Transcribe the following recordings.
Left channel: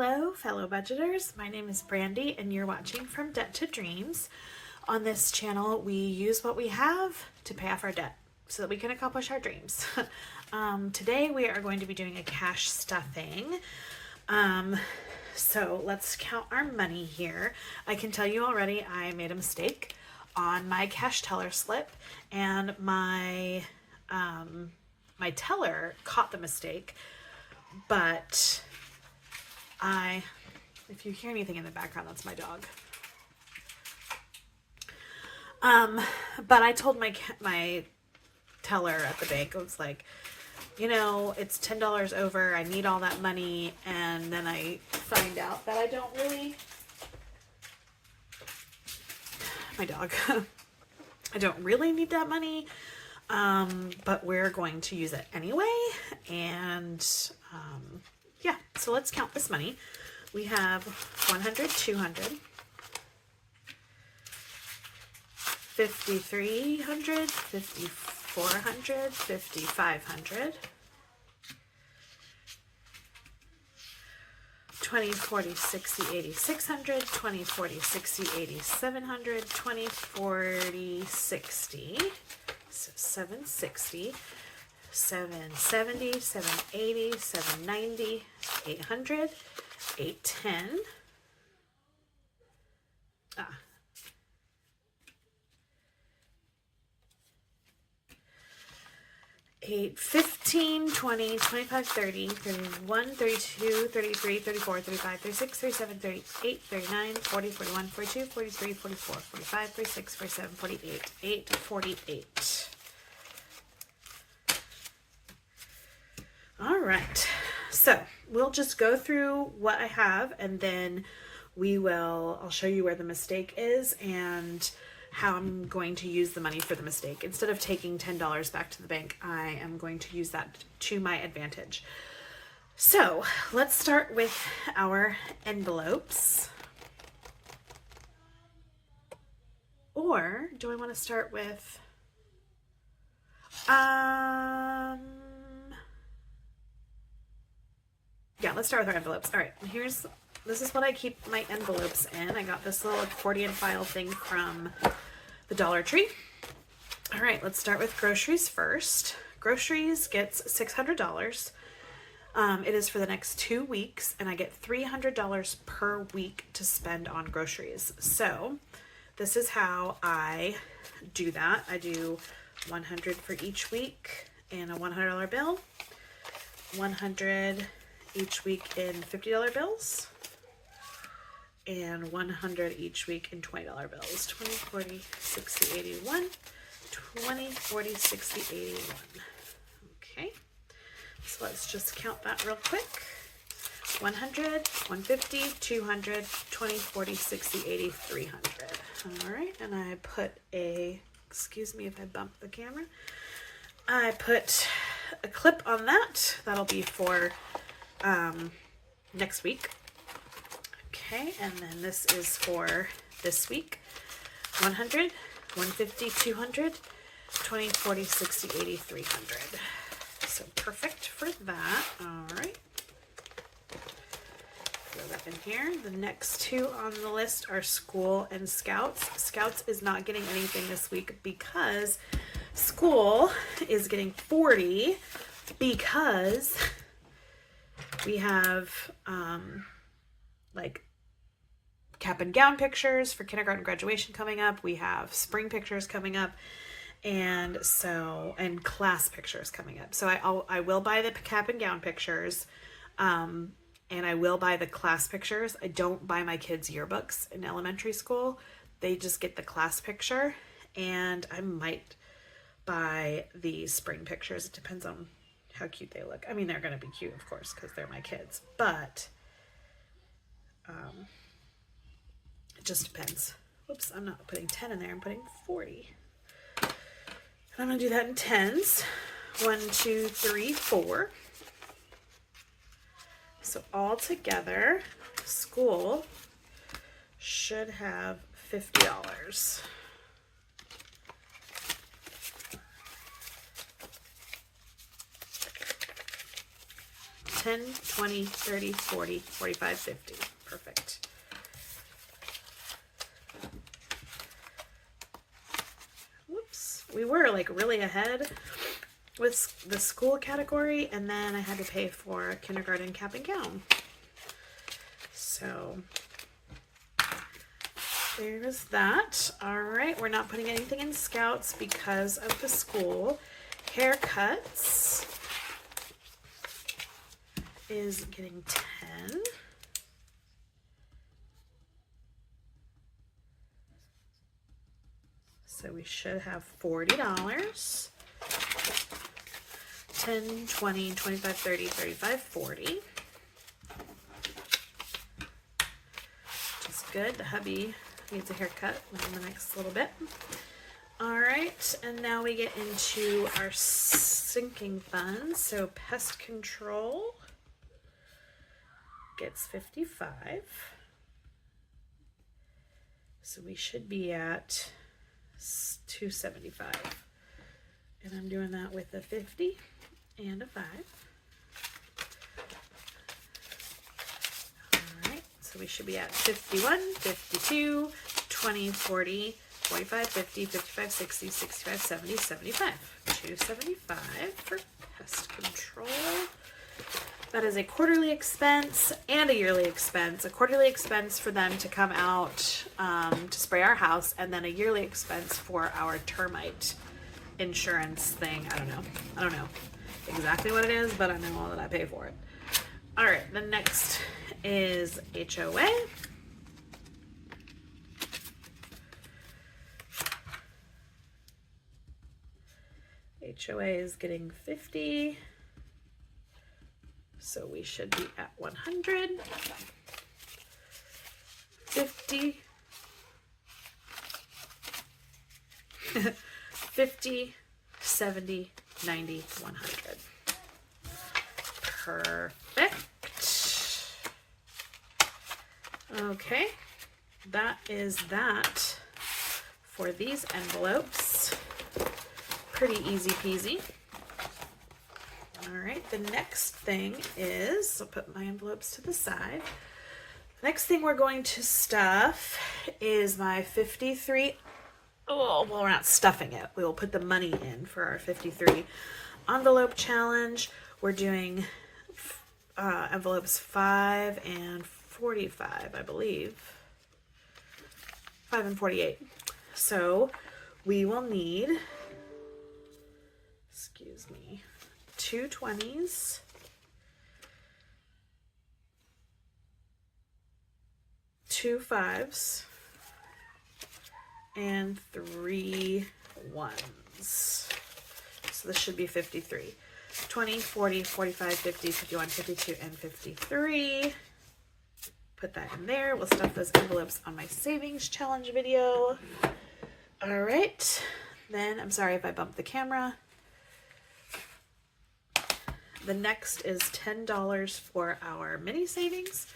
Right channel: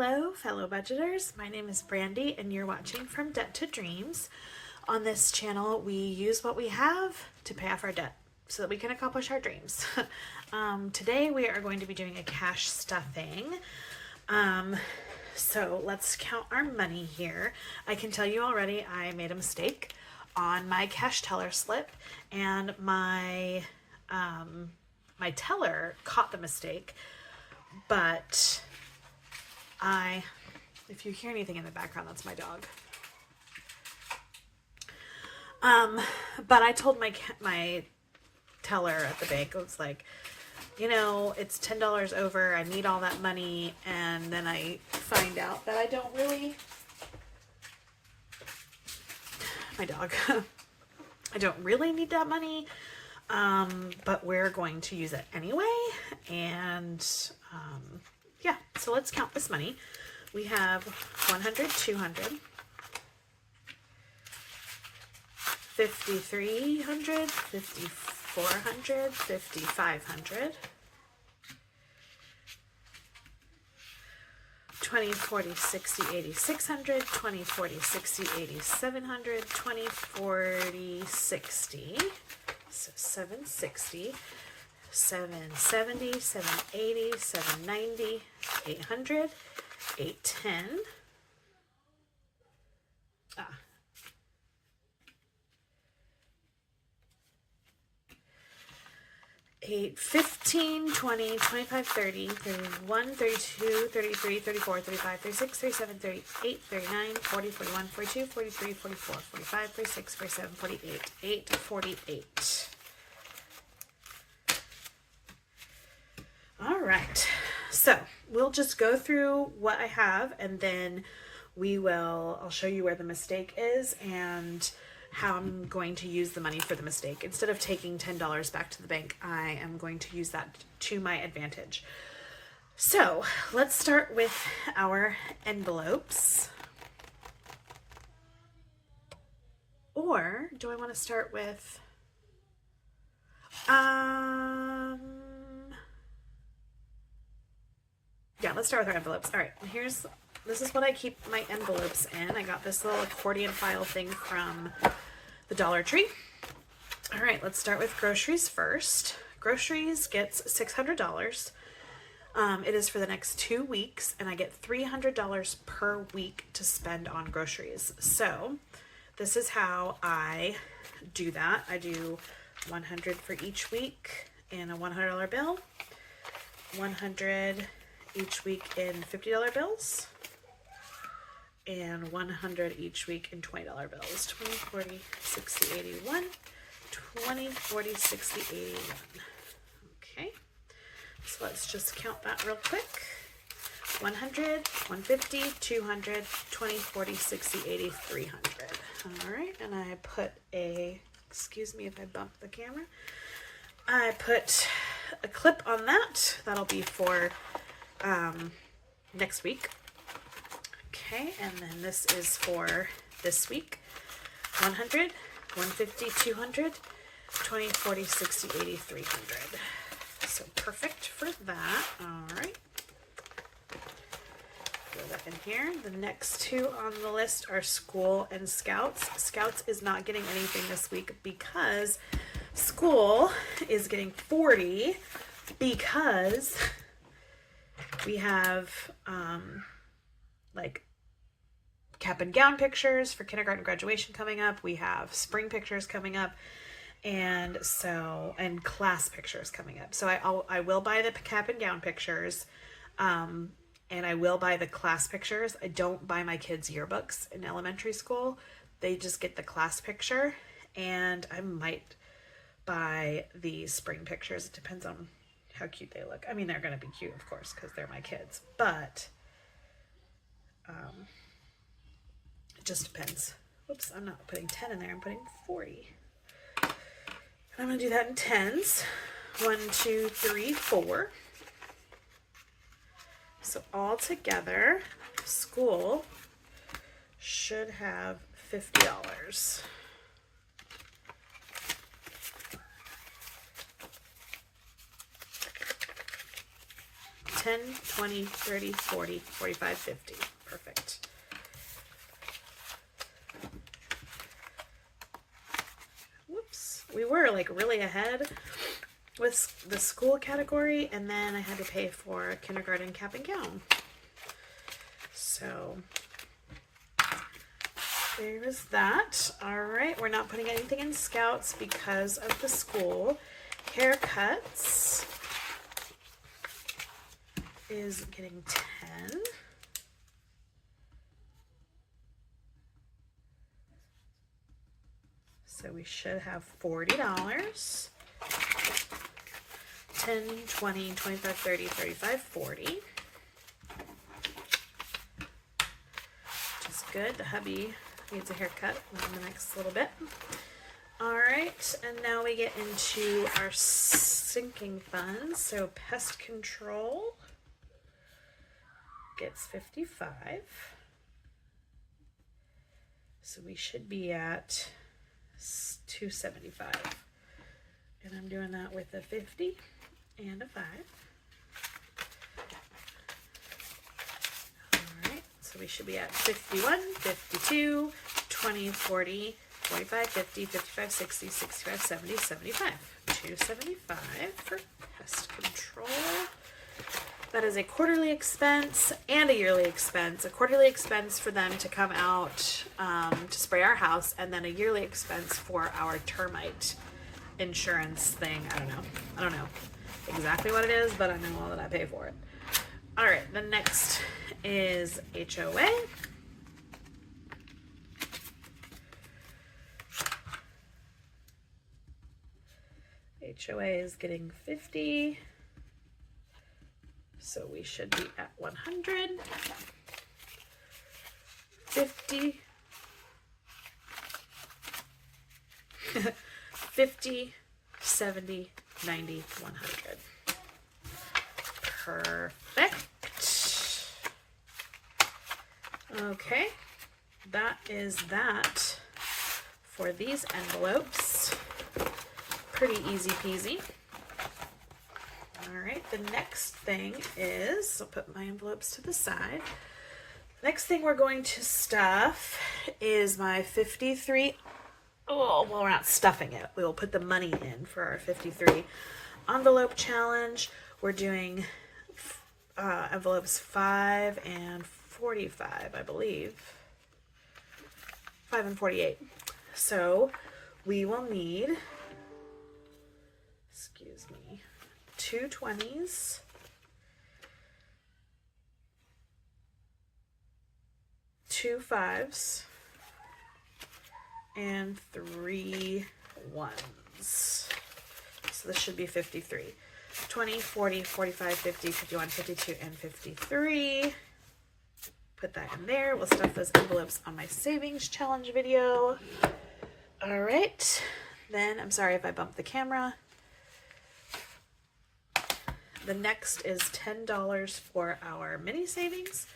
Hello, fellow budgeters. My name is Brandy, and you're watching From Debt to Dreams. On this channel, we use what we have to pay off our debt so that we can accomplish our dreams. Today, we are going to be doing a cash stuffing. So let's count our money here. I can tell you already, I made a mistake on my cash teller slip, and my teller caught the mistake, but if you hear anything in the background, that's my dog. But I told my teller at the bank, I was like, you know, it's $10 over. I need all that money. And then I find out that I don't really, my dog, I don't really need that money. But we're going to use it anyway. And, yeah, so let's count this money. We have 100, 200, 5,300, 5,400, 5,500, 20, 40, 60, 80, 600, 20, 40, 60, 80, 700, 20, 40, 60, so 760, 770, 780, 790, 800, 810, 8, 15, 20, 25, 30, 31, 32, 33, 34, 35, 36, 37, 38, 39, 40, 41, 42, 43, 44, 45, 46, 47, 48, 8, 48. All right, so we'll just go through what I have, and then I'll show you where the mistake is and how I'm going to use the money for the mistake. Instead of taking $10 back to the bank, I am going to use that to my advantage. So let's start with our envelopes. Or do I want to start with, yeah, let's start with our envelopes. All right, this is what I keep my envelopes in. I got this little accordion file thing from the Dollar Tree. All right, let's start with groceries first. Groceries gets $600. It is for the next 2 weeks, and I get $300 per week to spend on groceries. So this is how I do that. I do 100 for each week in a $100 bill, 100 each week in $50 bills, and 100 each week in $20 bills. 20, 40, 60, 81, 20, 40, 60, 81. Okay, so let's just count that real quick. 100, 150, 200, 20, 40, 60, 80, 300. All right, and I put excuse me if I bump the camera. I put a clip on that. That'll be for next week. Okay, and then this is for this week. 100, 150, 200, 20, 40, 60, 80, 300. So perfect for that. All right. Throw that in here. The next two on the list are school and Scouts. Scouts is not getting anything this week because school is getting 40 because we have like cap and gown pictures for kindergarten graduation coming up. We have spring pictures coming up, and class pictures coming up. So I will buy the cap and gown pictures, and I will buy the class pictures. I don't buy my kids' yearbooks in elementary school. They just get the class picture, and I might buy the spring pictures. It depends on how cute they look. I mean, they're going to be cute, of course, because they're my kids, but it just depends. Whoops, I'm not putting 10 in there. I'm putting 40. And I'm going to do that in tens. 1, 2, 3, 4. So all together, school should have $50. 10, 20, 30, 40, 45, 50. Perfect. Whoops. We were like really ahead with the school category, and then I had to pay for kindergarten cap and gown. So there's that. All right, we're not putting anything in Scouts because of the school. Haircuts is getting 10. So we should have $40. 10, 20, 25, 30, 35, 40. Which is good. The hubby needs a haircut in the next little bit. All right, and now we get into our sinking funds. So pest control gets 55. So we should be at 275. And I'm doing that with a 50 and a 5. All right, so we should be at 51, 52, 20, 40, 45, 50, 55, 60, 65, 70, 75. 275 for pest control. That is a quarterly expense and a yearly expense. A quarterly expense for them to come out to spray our house, and then a yearly expense for our termite insurance thing. I don't know exactly what it is, but I know that I pay for it. All right, the next is HOA. HOA is getting 50. So we should be at 100, 50, 50, 70, 90, 100. Perfect. Okay, that is that for these envelopes. Pretty easy peasy. All right, the next thing is, I'll put my envelopes to the side. Next thing we're going to stuff is my 53. Oh, well, we're not stuffing it. We will put the money in for our 53 envelope challenge. We're doing envelopes 5 and 45, I believe. 5 and 48. So we will need, excuse me, 2 20s, 2 5s, and 3 1s. So this should be 53. 20, 40, 45, 50, 51, 52, and 53. Put that in there. We'll stuff those envelopes on my savings challenge video. All right. Then, I'm sorry if I bumped the camera. The next is $10 for our mini savings.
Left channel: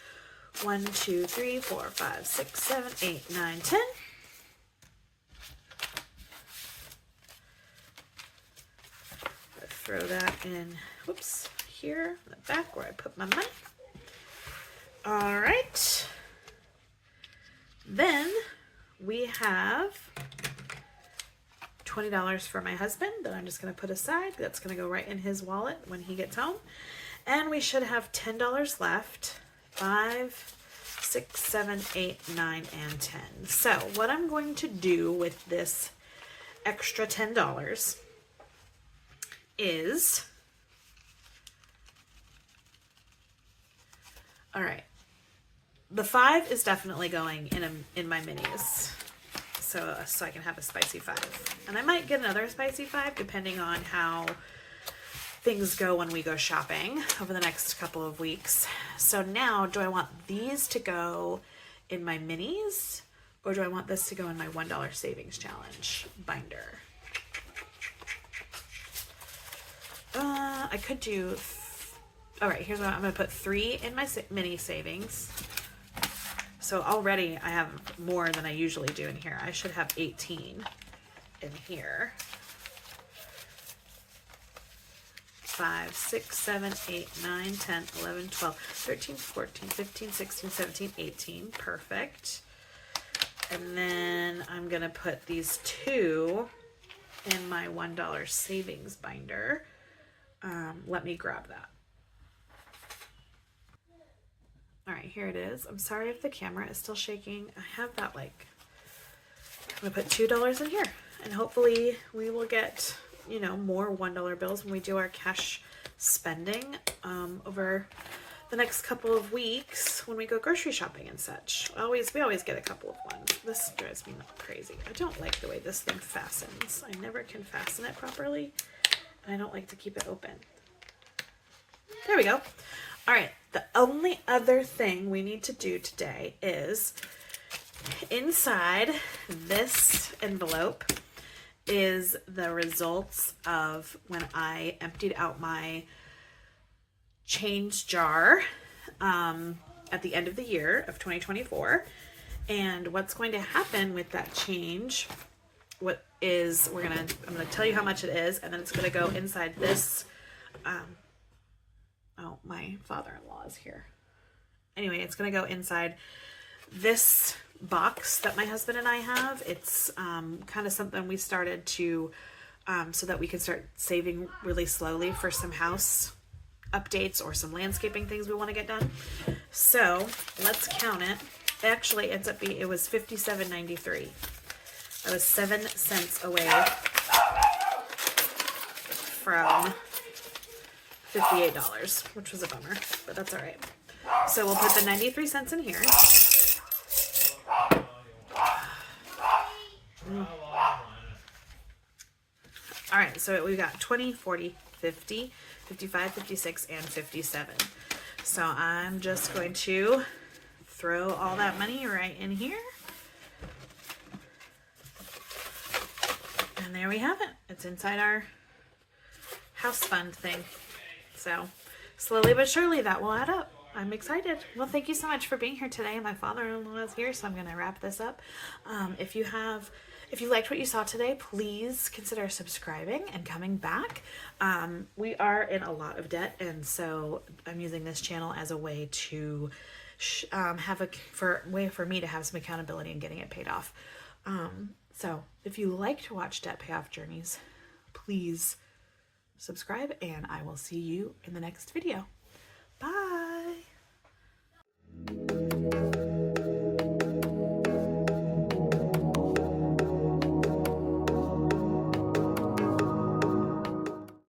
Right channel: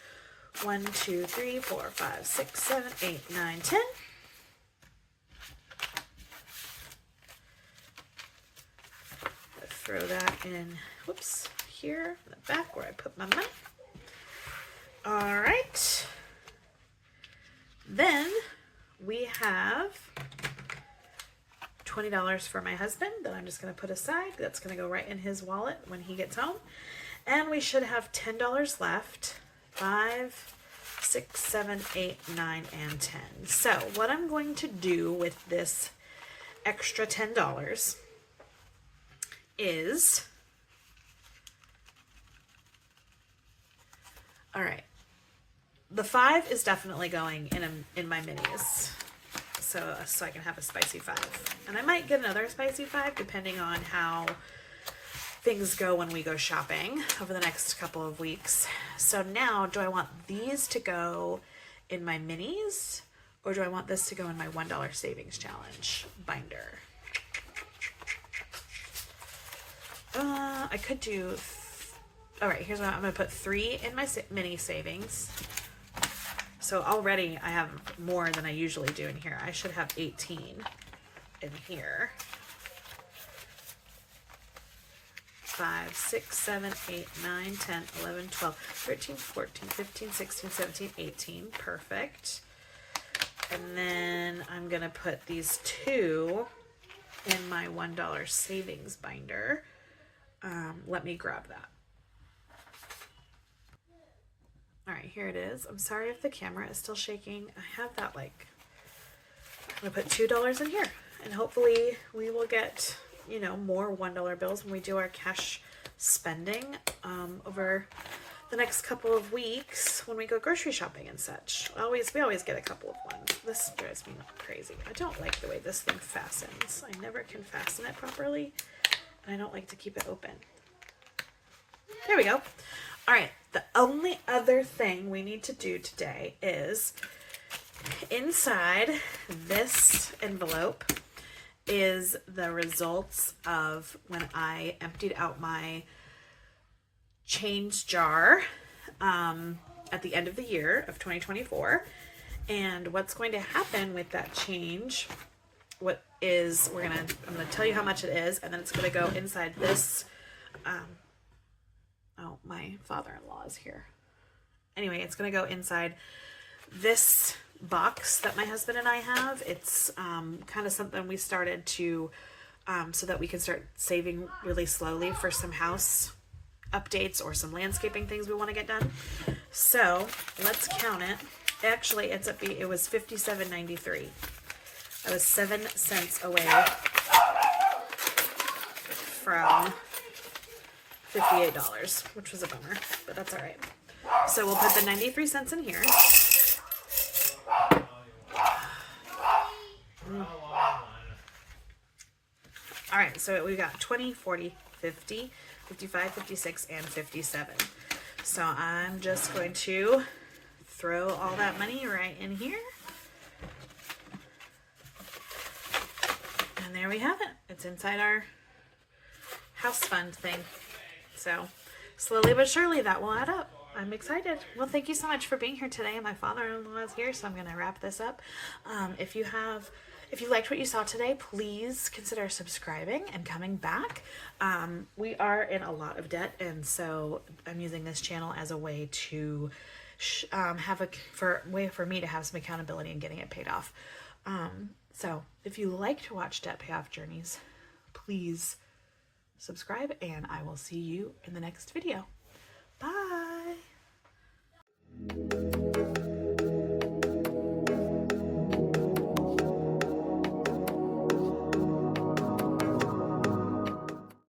1, 2, 3, 4, 5, 6, 7, 8, 9, 10. Let's throw that in, whoops, here in the back where I put my money. All right. Then we have $20 for my husband that I'm just going to put aside. That's going to go right in his wallet when he gets home. And we should have $10 left. 5, 6, 7, 8, 9, and 10. So what I'm going to do with this extra $10 is, all right, the 5 is definitely going in my minis. So I can have a spicy 5. And I might get another spicy 5 depending on how things go when we go shopping over the next couple of weeks. So now, do I want these to go in my minis, or do I want this to go in my $1 savings challenge binder? I could do, all right, here's what I'm gonna put 3 in my mini savings. So already I have more than I usually do in here. I should have 18 in here. 5, 6, 7, 8, 9, 10, 11, 12, 13, 14, 15, 16, 17, 18. Perfect. And then I'm going to put these two in my $1 savings binder. Let me grab that. All right, here it is. I'm sorry if the camera is still shaking. I have that like, I'm going to put $2 in here, and hopefully we will get, you know, more $1 bills when we do our cash spending over the next couple of weeks when we go grocery shopping and such. We always get a couple of ones. This drives me crazy. I don't like the way this thing fastens. I never can fasten it properly, and I don't like to keep it open. There we go. All right, the only other thing we need to do today is inside this envelope is the results of when I emptied out my change jar at the end of the year of 2024. And what's going to happen with that change, I'm gonna tell you how much it is, and then it's gonna go inside this, oh, my father-in-law is here. Anyway, it's gonna go inside this box that my husband and I have. It's kind of something we started to so that we can start saving really slowly for some house updates or some landscaping things we want to get done. So let's count it. Actually, it was $57.93. I was 7 cents away from $58, which was a bummer, but that's all right. So we'll put the 93 cents in here. All right, so we got 20, 40, 50, 55, 56, and 57. So I'm just going to throw all that money right in here. And there we have it. It's inside our house fund thing. So slowly but surely that will add up. I'm excited. Well, thank you so much for being here today. My father-in-law is here, so I'm going to wrap this up. If you liked what you saw today, please consider subscribing and coming back. We are in a lot of debt, and so I'm using this channel as a way to for me to have some accountability in getting it paid off. So if you like to watch debt payoff journeys, please subscribe, and I will see you in the next video. Bye.